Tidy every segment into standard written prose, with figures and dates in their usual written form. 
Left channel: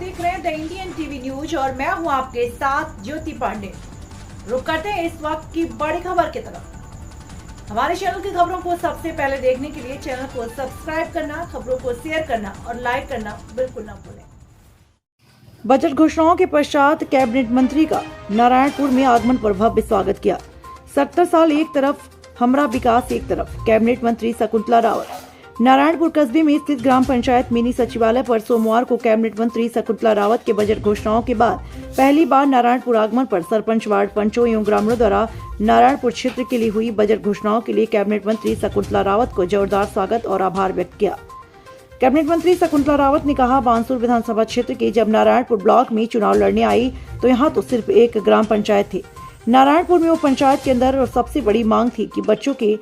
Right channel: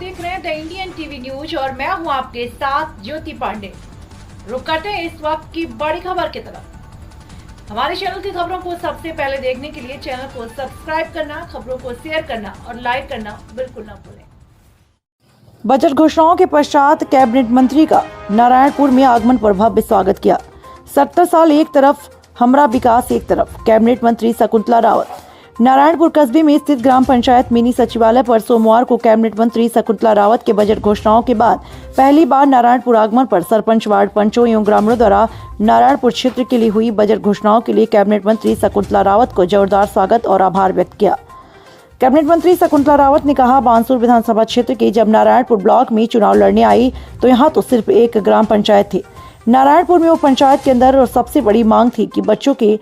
देख रहे हैं द इंडियन टीवी न्यूज और मैं हूं आपके साथ ज्योति पांडे। रुक करते हैं इस वक्त की बड़ी खबर की तरफ। हमारे चैनल की खबरों को सबसे पहले देखने के लिए चैनल को सब्सक्राइब करना, खबरों को शेयर करना और लाइक करना बिल्कुल न भूलें। बजट घोषणाओं के पश्चात कैबिनेट मंत्री का नारायणपुर में आगमन पर भव्य स्वागत किया। 70 साल एक तरफ, हमरा विकास एक तरफ। कैबिनेट मंत्री शकुंतला रावत नारायणपुर कस्बे में स्थित ग्राम पंचायत मिनी सचिवालय पर सोमवार को कैबिनेट मंत्री शकुंतला रावत के बजट घोषणाओं के बाद पहली बार नारायणपुर आगमन पर सरपंच, वार्ड पंचों एवं ग्रामीणों द्वारा नारायणपुर क्षेत्र के लिए हुई बजट घोषणाओं के लिए कैबिनेट मंत्री शकुंतला रावत को जोरदार स्वागत और आभार व्यक्त किया। कैबिनेट मंत्री शकुंतला रावत ने कहा, बानसूर विधानसभा क्षेत्र के जब नारायणपुर ब्लॉक में चुनाव लड़ने आई तो यहाँ तो सिर्फ एक ग्राम पंचायत थी। नारायणपुर में वो पंचायत के अंदर और सबसे बड़ी मांग थी कि बच्चों के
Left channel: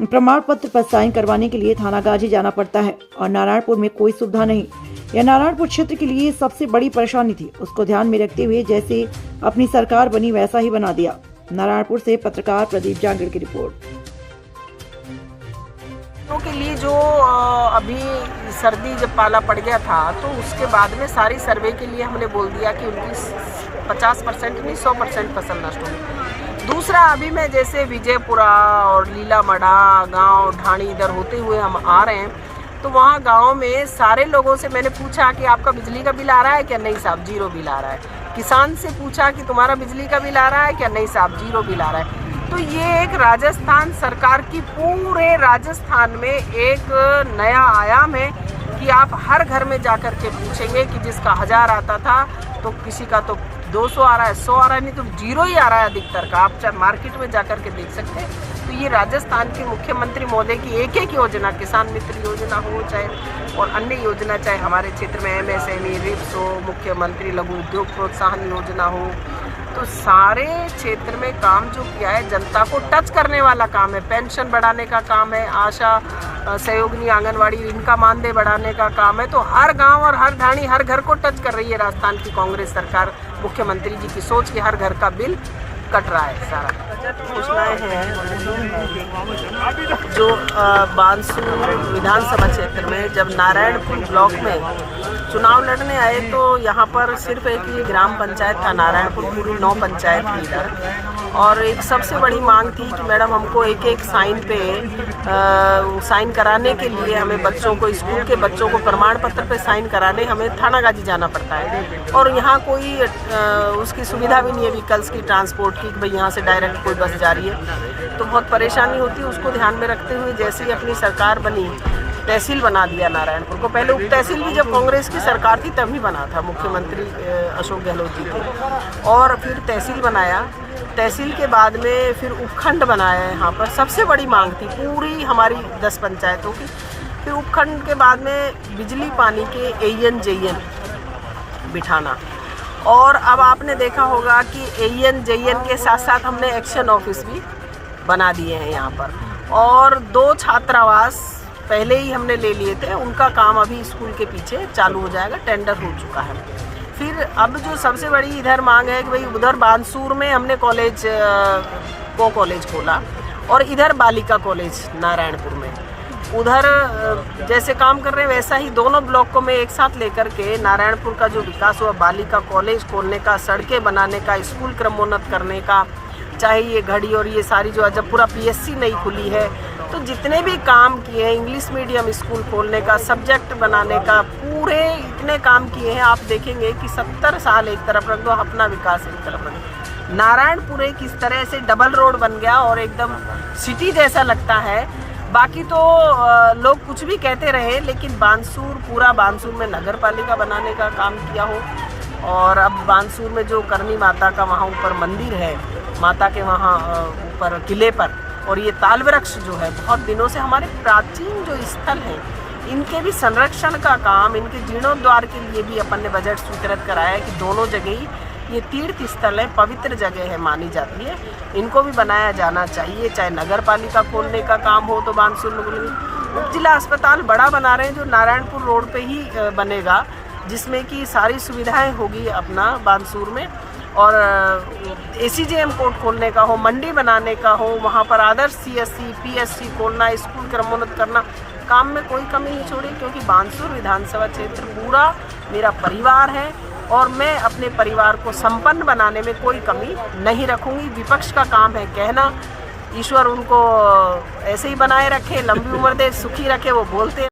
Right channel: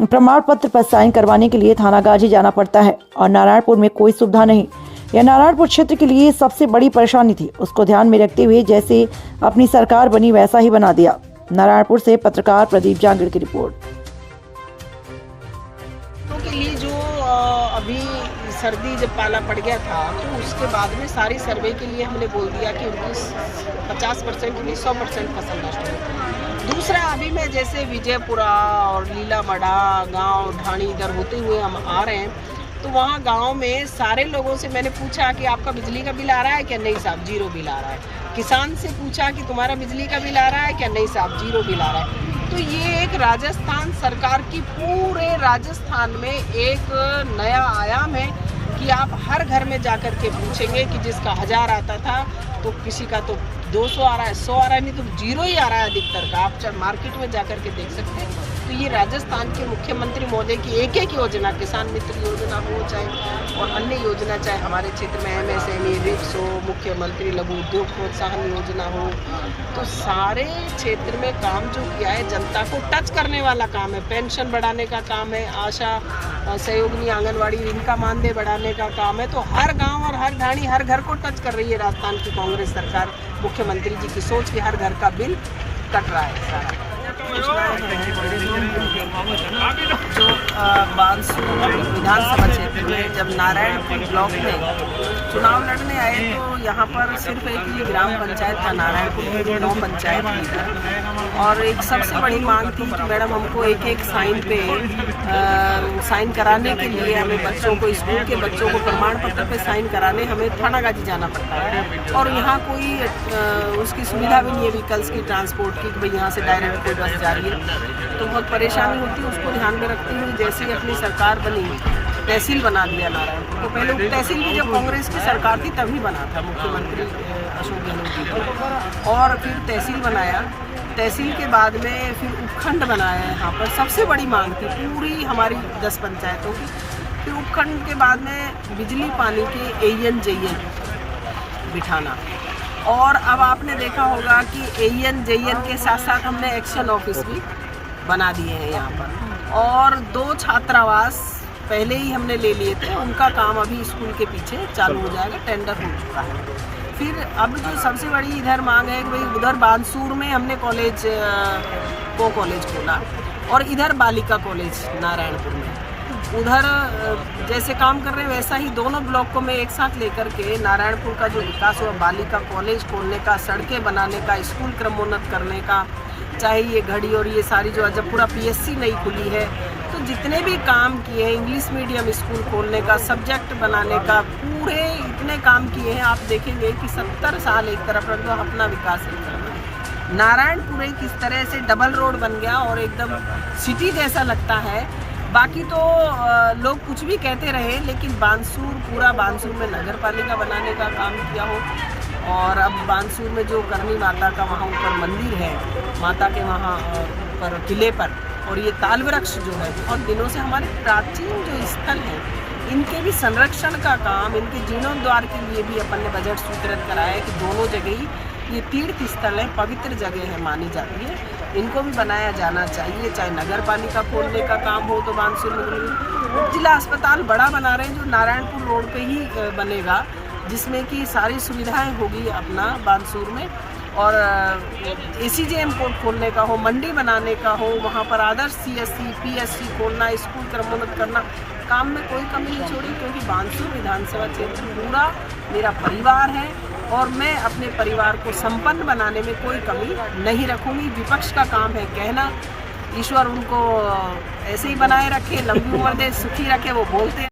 प्रमाण पत्र पर साइन करवाने के लिए थानागाजी जाना पड़ता है और नारायणपुर में कोई सुविधा नहीं। यह नारायणपुर क्षेत्र के लिए सबसे बड़ी परेशानी थी। उसको ध्यान में रखते हुए जैसे अपनी सरकार बनी वैसा ही बना दिया। नारायणपुर से पत्रकार प्रदीप जांगड़ की रिपोर्ट। के लिए जो अभी सर्दी जब पाला पड़ गया था तो उसके बाद में सारी सर्वे के लिए हमने बोल दिया कि उनकी 50% नहीं 100% फसल नष्ट होगी। दूसरा, अभी मैं जैसे विजयपुरा और लीलामड़ा गांव ढाणी इधर होते हुए हम आ रहे हैं तो वहाँ गांव में सारे लोगों से मैंने पूछा कि आपका बिजली का बिल आ रहा है क्या? नहीं साहब, 0 बिल आ रहा है। किसान से पूछा कि तुम्हारा बिजली का बिल आ रहा है क्या? नहीं साहब, 0 बिल आ रहा है। तो ये एक राजस्थान सरकार की पूरे राजस्थान में एक नया आयाम है कि आप हर घर में जाकर के पूछेंगे कि जिसका 1000 आता था तो किसी का तो 200 आ रहा है, 100 आ रहा है, नहीं तो 0 ही आ रहा है अधिकतर का। आप चाहे मार्केट में जाकर के देख सकते हैं। तो ये राजस्थान के मुख्यमंत्री महोदय की एक एक योजना, किसान मित्र योजना हो चाहे और अन्य योजना, चाहे हमारे क्षेत्र में MSME रिप्स हो, मुख्यमंत्री लघु उद्योग प्रोत्साहन योजना हो, तो सारे क्षेत्र में काम जो किया है जनता को टच करने वाला काम है। पेंशन बढ़ाने का काम है, आशा सहयोगिनी आंगनवाड़ी इनका मानदेय बढ़ाने का काम है। तो हर गांव और हर ढाणी हर घर को टच कर रही है राजस्थान की कांग्रेस सरकार। मुख्यमंत्री जी की सोच कि हर घर का बिल कट रहा है सारा। योजनाएं हैं जो बानसूर विधानसभा क्षेत्र में जब नारायणपुर ब्लॉक में चुनाव लड़ने आए तो यहाँ पर सिर्फ एक ही ग्राम पंचायत था नारायणपुर, पूरी 9 पंचायत थी इधर। और एक सबसे बड़ी मांग थी कि मैडम हमको एक एक साइन पे साइन कराने के लिए हमें बच्चों को, स्कूल के बच्चों को प्रमाण पत्र पे साइन कराने हमें थानागाजी जाना पड़ता है और यहाँ कोई उसकी सुविधा भी नहीं है व्हीकल्स की, ट्रांसपोर्ट की, कि भाई यहाँ से डायरेक्ट कोई बस जा रही है तो बहुत परेशानी होती है। उसको ध्यान में रखते हुए जैसे ही अपनी सरकार बनी, तहसील बना दिया नारायणपुर को। पहले उप तहसील भी जब कांग्रेस की सरकार थी तभी बना था, मुख्यमंत्री अशोक गहलोत जी थे। और फिर तहसील बनाया, तहसील के बाद में फिर उपखंड बनाया। यहाँ पर सबसे बड़ी मांग थी पूरी हमारी 10 पंचायतों की। फिर उपखंड के बाद में बिजली पानी के AN JN बिठाना। और अब आपने देखा होगा कि AN JN के साथ साथ हमने एक्शन ऑफिस भी बना दिए हैं यहाँ पर। और 2 छात्रावास पहले ही हमने ले लिए थे, उनका काम अभी स्कूल के पीछे चालू हो जाएगा, टेंडर हो चुका है। फिर अब जो सबसे बड़ी इधर मांग है कि भाई उधर बानसूर में हमने कॉलेज खोला और इधर बालिका कॉलेज नारायणपुर में, उधर जैसे काम कर रहे हैं वैसा ही दोनों ब्लॉक को मैं एक साथ लेकर के नारायणपुर का जो विकास हुआ, बालिका कॉलेज खोलने का, सड़कें बनाने का, स्कूल क्रमोन्नत करने का, चाहे ये घड़ी और ये सारी जो जब पूरा PSC नहीं खुली है तो जितने भी काम किए हैं, इंग्लिश मीडियम स्कूल खोलने का, सब्जेक्ट बनाने का, पूरे इतने काम किए हैं। आप देखेंगे कि 70 साल एक तरफ रख दो, अपना विकास एक तरफ रख दो। नारायणपुर एक इस तरह से डबल रोड बन गया और एकदम सिटी जैसा लगता है। बाकी तो लोग कुछ भी कहते रहे, लेकिन बानसूर, पूरा बानसूर में नगर पालिका बनाने का काम किया हो। और अब बानसूर में जो करनी माता का वहाँ ऊपर मंदिर है, माता के वहाँ ऊपर किले पर, और ये ताल वृक्ष जो है बहुत दिनों से हमारे प्राचीन जो स्थल हैं इनके भी संरक्षण का काम, इनके जीर्णोद्धार के लिए भी अपन ने बजट स्वीकृत कराया है कि दोनों जगह ही ये तीर्थ स्थल है, पवित्र जगह है मानी जाती है, इनको भी बनाया जाना चाहिए। चाहे नगर पालिका खोलने का काम हो तो बानसूर में उप जिला अस्पताल बड़ा बना रहे हैं जो नारायणपुर रोड पे ही बनेगा, जिसमें कि सारी सुविधाएं होगी अपना बानसूर में। और ACJM कोर्ट खोलने का हो, मंडी बनाने का हो, वहाँ पर आदर्श CSC PSC खोलना, स्कूल क्रमोन्नत करना, काम में कोई कमी नहीं छोड़ी। क्योंकि बानसूर विधानसभा क्षेत्र पूरा मेरा परिवार है और मैं अपने परिवार को संपन्न बनाने में कोई कमी नहीं रखूंगी। विपक्ष का काम है कहना, ईश्वर उनको ऐसे ही बनाए रखे, लंबी उम्र दे, सुखी रखे, वो बोलते